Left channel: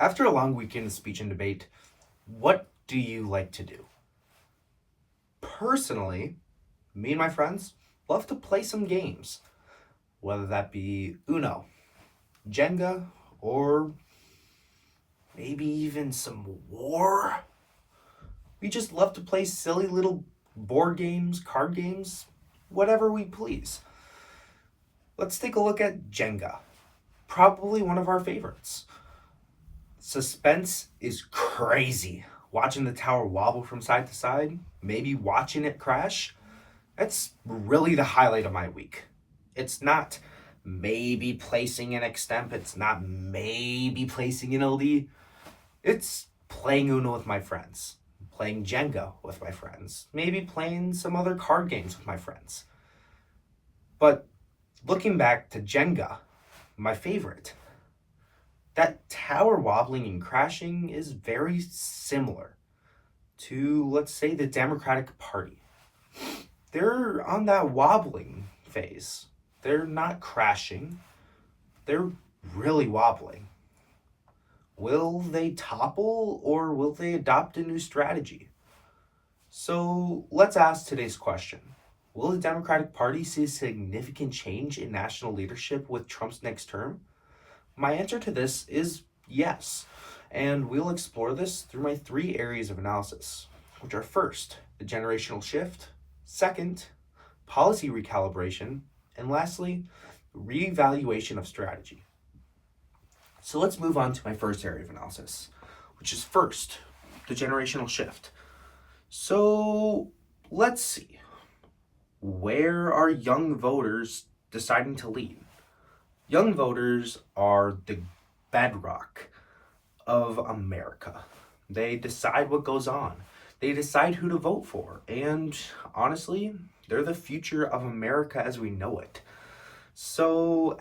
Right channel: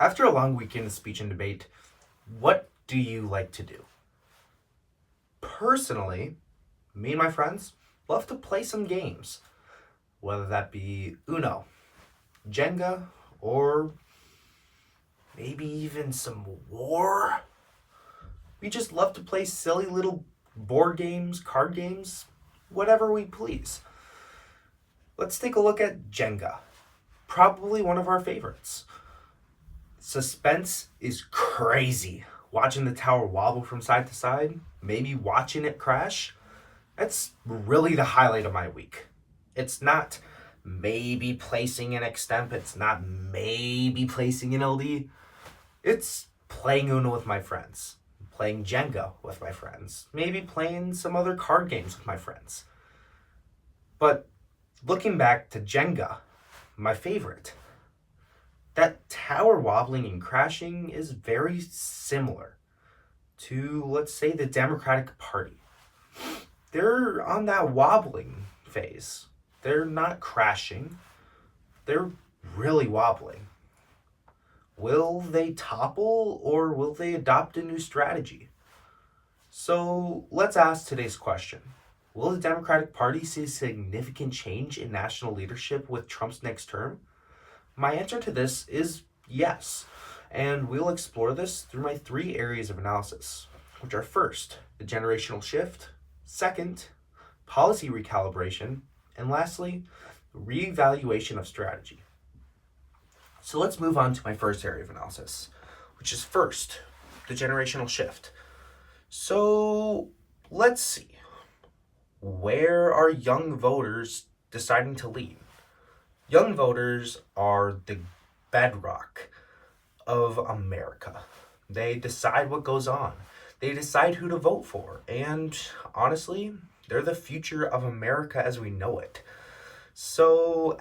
After a long weekend of speech and debate, what do you like to do? Personally, me and my friends love to play some games, whether that be Uno, Jenga, or maybe even some War. We just love to play silly little board games, card games, whatever we please. Let's take a look at Jenga, probably one of our favorites. Suspense is crazy. Watching the tower wobble from side to side, maybe watching it crash, that's really the highlight of my week. It's not maybe placing an extemp, it's not maybe placing an LD, it's playing Uno with my friends, playing Jenga with my friends, maybe playing some other card games with my friends. But looking back to Jenga, my favorite, that tower wobbling and crashing is very similar to, let's say, the Democratic Party. They're on that wobbling phase. They're not crashing, they're really wobbling. Will they topple or will they adopt a new strategy? So let's ask today's question. Will the Democratic Party see a significant change in national leadership with Trump's next term? My answer to this is yes, and we'll explore this through my three areas of analysis, which are first, the generational shift, second, policy recalibration, and lastly, reevaluation of strategy. So let's move on to my first area of analysis, which is first, the generational shift. So let's see, where are young voters deciding to lean? Young voters are the bedrock of America. They decide what goes on. They decide who to vote for. And honestly, they're the future of America as we know it. So,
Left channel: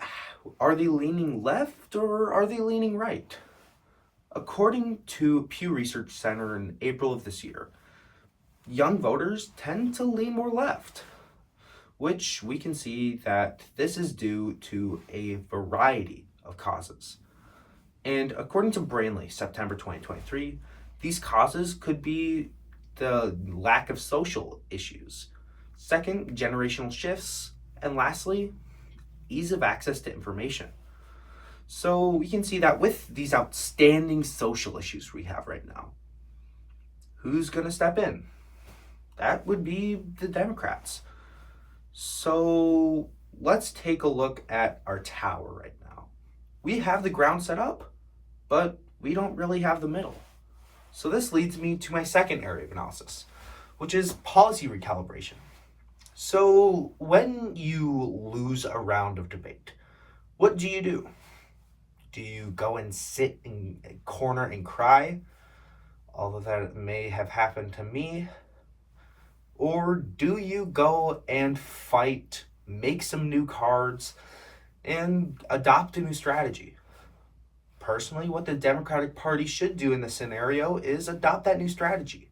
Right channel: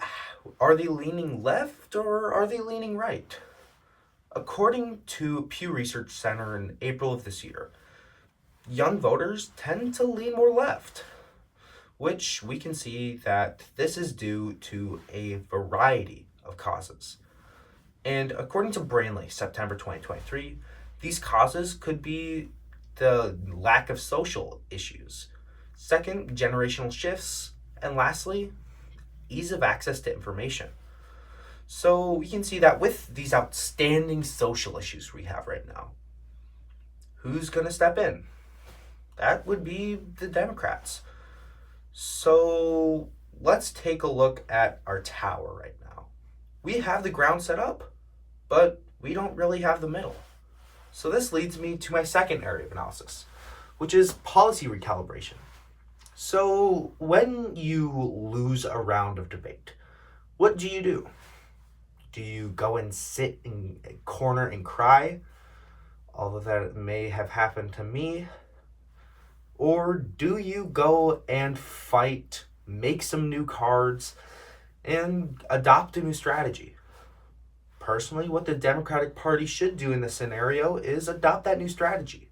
are they leaning left or are they leaning right? According to Pew Research Center in April of this year, young voters tend to lean more left, which we can see that this is due to a variety of causes. And according to Brainley, September 2023, these causes could be the lack of social issues, second, generational shifts, and lastly, ease of access to information. So we can see that with these outstanding social issues we have right now, who's going to step in? That would be the Democrats. So let's take a look at our tower right now. We have the ground set up, but we don't really have the middle. So this leads me to my second area of analysis, which is policy recalibration. So when you lose a round of debate, what do you do? Do you go and sit in a corner and cry? Although that may have happened to me. Or do you go and fight, make some new cards, and adopt a new strategy? Personally, what the Democratic Party should do in this scenario is adopt that new strategy.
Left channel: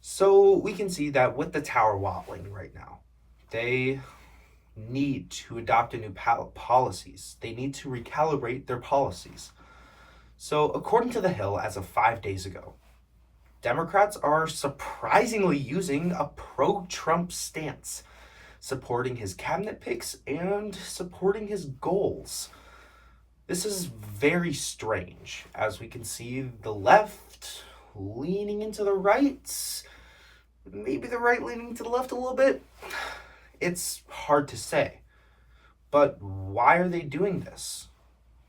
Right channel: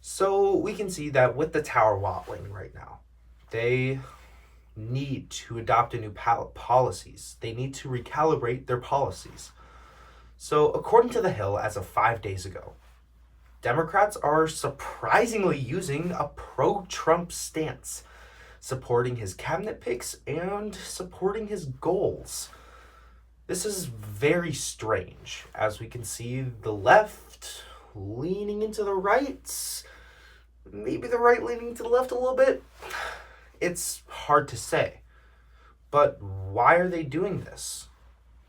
So we can see that with the tower wobbling right now, they need to adopt a new policies. They need to recalibrate their policies. So according to The Hill, as of 5 days ago, Democrats are surprisingly using a pro-Trump stance, supporting his cabinet picks and supporting his goals. This is very strange, as we can see the left leaning into the right, maybe the right leaning to the left a little bit. It's hard to say. But why are they doing this?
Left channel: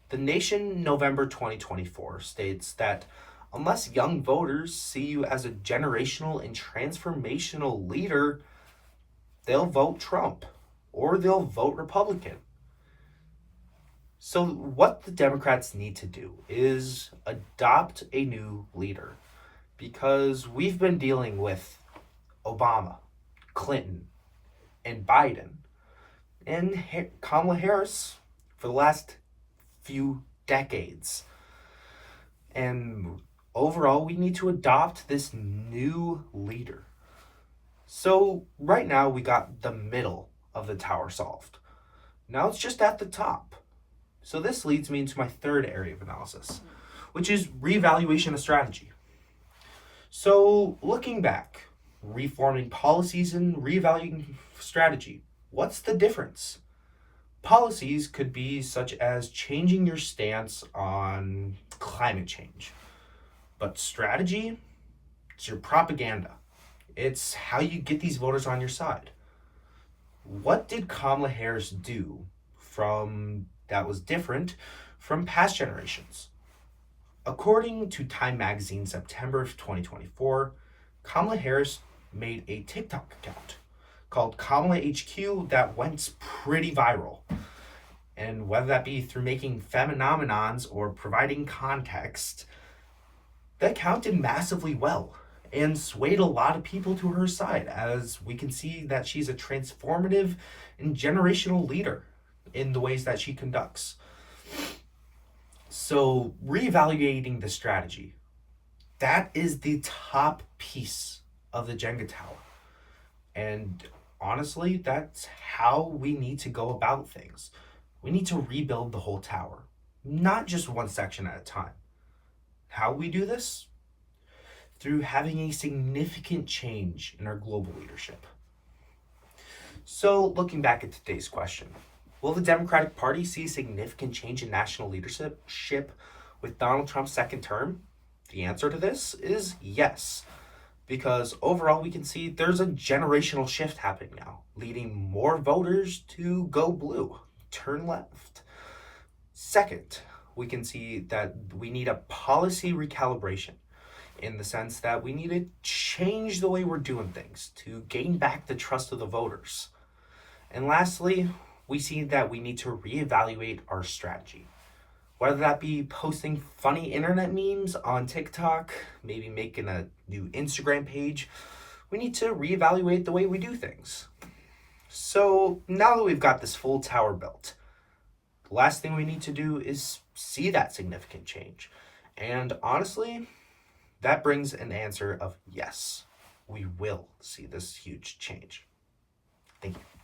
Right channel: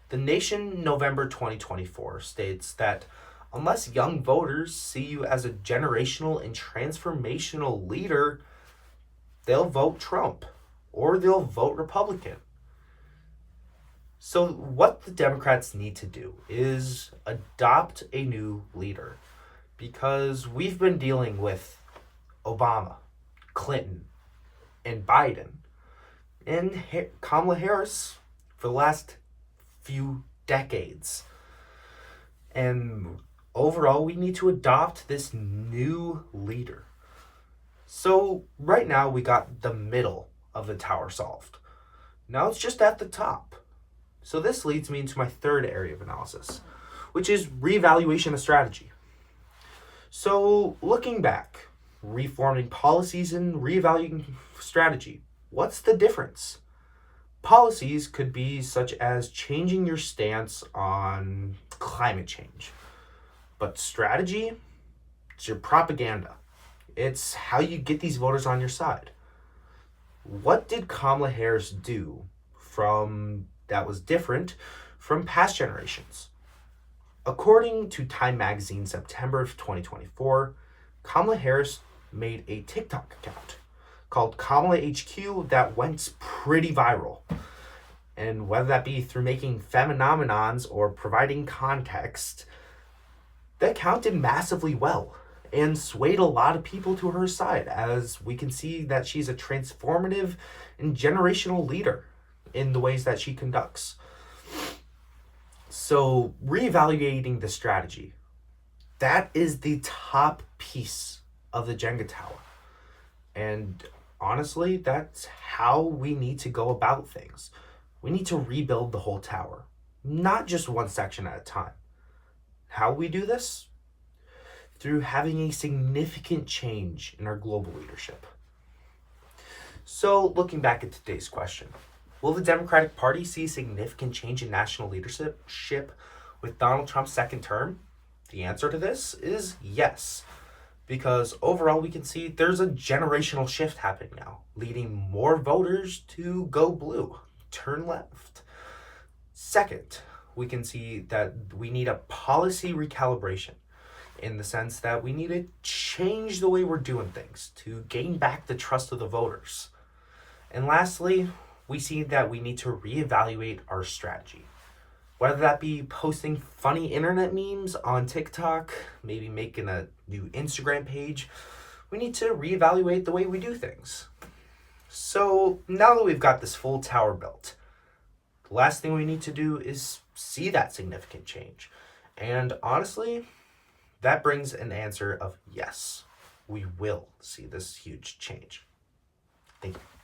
The Nation, November 2024, states that unless young voters see you as a generational and transformational leader, they'll vote Trump or they'll vote Republican. So what the Democrats need to do is adopt a new leader, because we've been dealing with Obama, Clinton, and Biden, and Kamala Harris for the last few decades. And overall, we need to adopt this new leader. So right now we got the middle of the tower solved. Now it's just at the top. So this leads me into my third area of analysis, which is reevaluation of strategy. So, looking back, reforming policies and reevaluating strategy, what's the difference? Policies could be such as changing your stance on climate change, but strategy, it's your propaganda. It's how you get these voters on your side. What did Kamala Harris do from that was different from past generations? According to Time Magazine, September of 2024, Kamala Harris made a TikTok account called Kamala HQ that went pretty viral. And whether that be through making phenomenons or providing context, that account did massively well and swayed a lot of people to her side, as we can see that she's a transformative and generational leader in the ways that she conducts. So, reevaluating the strategy, that is the top piece of the Jenga tower. And honestly, that's how we need to go about things. We need to rebuild the whole tower, not just one section at a time. How we do this? Through having a significant change in our global leadership. So, looking back at today's question, will the Democratic Party see a significant change in national leadership with Donald Trump's second term? The answer to this is yes, because overall we can see there's a generational shift happening now, leading more voters to go blue, turn left. Second, we can see that we need a policy recalibration, in the sense that we need to change the way we're doing things to gain back the trust of the voters. And lastly, we see that we need to reevaluate our strategy. Whether that be posting funny internet memes on TikTok, maybe making a new Instagram page, we need to reevaluate the way we do things. So now that we've got this full tower built, the last thing we need to do is see that significant change. And honestly, that brings an answer of yes, we will see this huge change. Thank you.